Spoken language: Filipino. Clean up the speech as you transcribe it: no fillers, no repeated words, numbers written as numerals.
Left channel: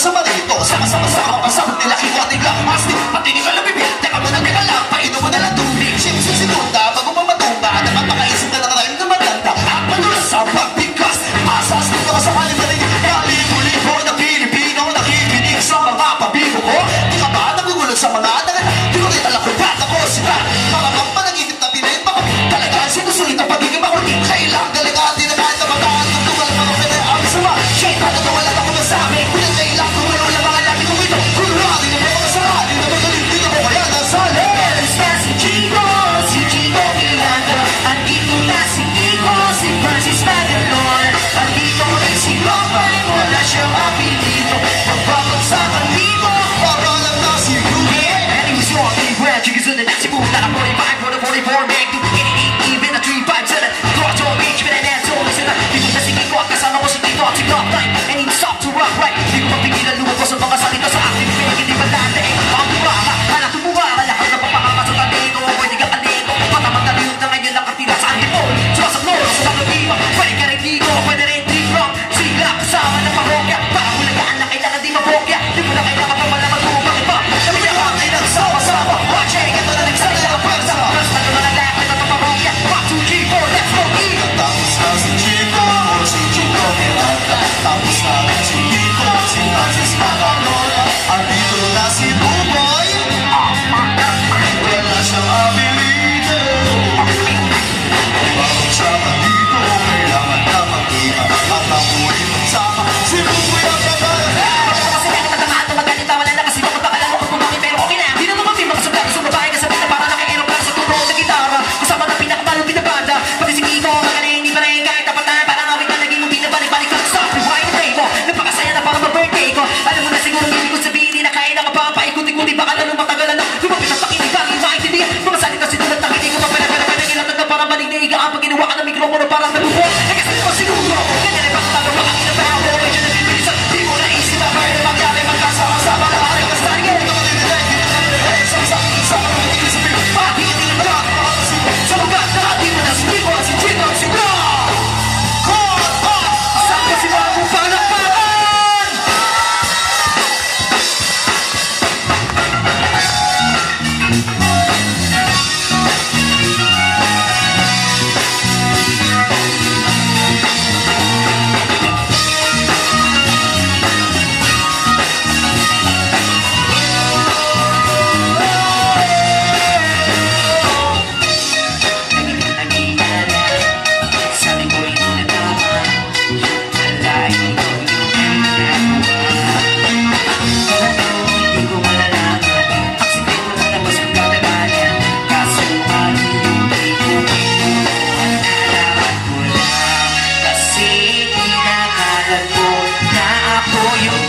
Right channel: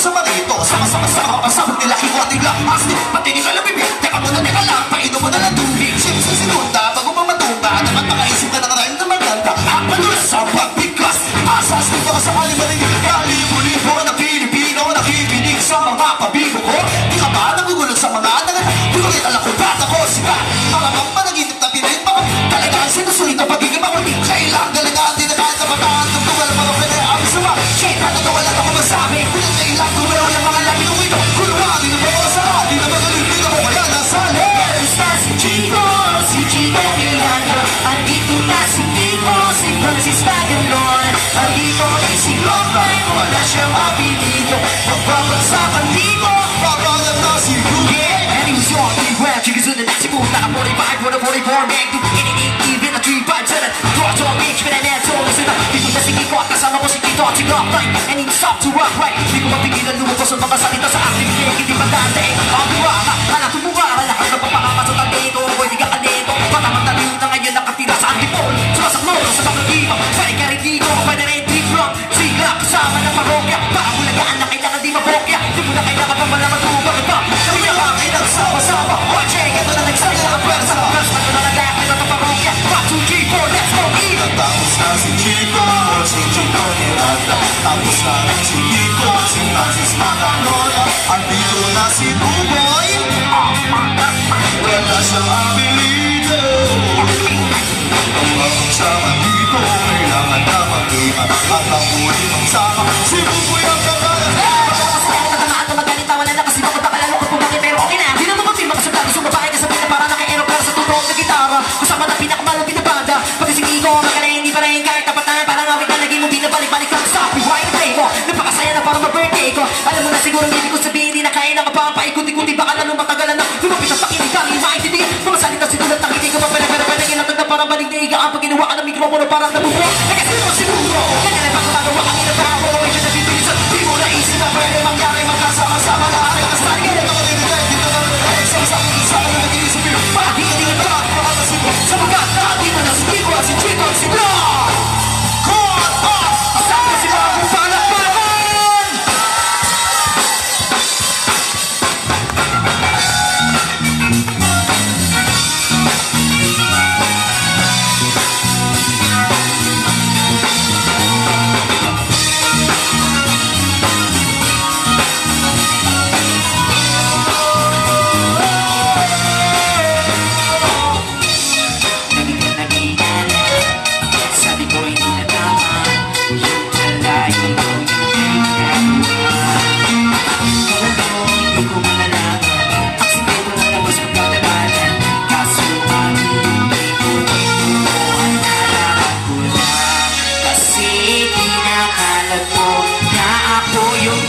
sama rito. Sama-sama pasabog nila kiwating lang. Asti, patinig ka lang bibig. Teka mo na, teka lang, painom mo na lang tubig. Sinunta, bago pa matumba. Nakapakaisip ka na narahin na maganda. At madulas sa pagbigkas. Asas dito ka sa kalimari. Kalibo-libo na Pilipino. Nakikinig sa mga pabigo ko. Di ka ba nagugulat sa mga nangat? Di ko rin alam kung bata ko sila. Mga panaginip na pinayin pa kami. Talagang sinusulit ang pagiging makulit. Kailang galingan din na kahit kabataan. Tungtugal mga pera ang sama. Shit, natatawalan ako masabi. Kulang kailang kumulaw yung mga labi ng ito. Kulungan, di na mga masama. Di na magaling, di na ko kaya nasali. Si Chico Miranda. Andito na si Nico, si Francis Magalon. Andito rin si Lopay, wala siyang apelido. Magbabagsakan dito, Pagalan na si Ruby. and he was your three grand chickens in the next boot. Not a 45, what a 44 neck. Even a 3-5 7. Draw to a beach with an asshole. Listen up, people just thinking ko at kasama ko si Tito at si Glock 9. And he stop to rock right. Di ko mapigilan lumabas ang mga salita sa aking friend. Hindi ba dati? Ang buraka, alam tumuha ka lahat ng papakama sa talito. Pwede ka kanito, patamang talito na ngayon nakatira sa antipol. Sumasakloro sa mga lima, pwede ka rin dito, pwede rin trip-rock. Sigla, kasama ng parokya, baka bulagaan na kailangan di mabokya. Di mo na kailangan pa malaman kung bakit ba. Kami na lang ay nagsama-sama. Watching, ito na nagsalita ang pwersa. Mas na nalagay na ng parokya. 1, 2, 3, 4, let's go, eat! Tapos na si Chico, si Chico Miranda. Tapos na rin si Nico, si Francis Magalon. Andito na si Buboy. Wala siyang abilido. Magsama dito, kailangan na mag-ima. At ang huli magsama, si Buboy ang kagaya. Kasi kahit nagamaat na magaling tawanan na kasi bakit baka lalo kung bumaki pero okay na. Di naman mapil makasagdari sa babae ka sabi na para naka-aeroplan sa tutuog na gitara. Kasama na pinakamalupit na banda. Pati si Nico, magaling hindi pa rin kahit tapat na parang awit na naging mo binabalik-balik ka sa rewind na play mo. Napakasaya na parang ma-birthday ko. Alam mo na siguro hindi ko sabihin na kaya na kapapaikot-ikuti baka na nung matagalan na. Lumapit ang pakinig kami maintindihan. Mga salita sinulat ng hindi ko pa pera-pera ilatag na parang malig na iga ang pag ginawa ka ng mikropono parang nabubo. Kasi mo siguro, ganyan ay pagkatagawa ang inabaho. Medyo nabibilisan, di mo naisip na pwede mangyari magkasama-sama na hari ka sa rin. Sama-sama na nag-iisip yun. Bakit hindi na ba? Sa mga dati mo na si Chico, si Chico, si Bro! Call off! Saan ko si Bagong Palakpakan? Sabi ko hindi na tama. Yung kalain ko, yung hindi ko malalaman. Ang sikreto na labas ang katabanan. Kaso pag-ibig ko ang nalaman ko lang. Kasi kinakalat ko na ako yung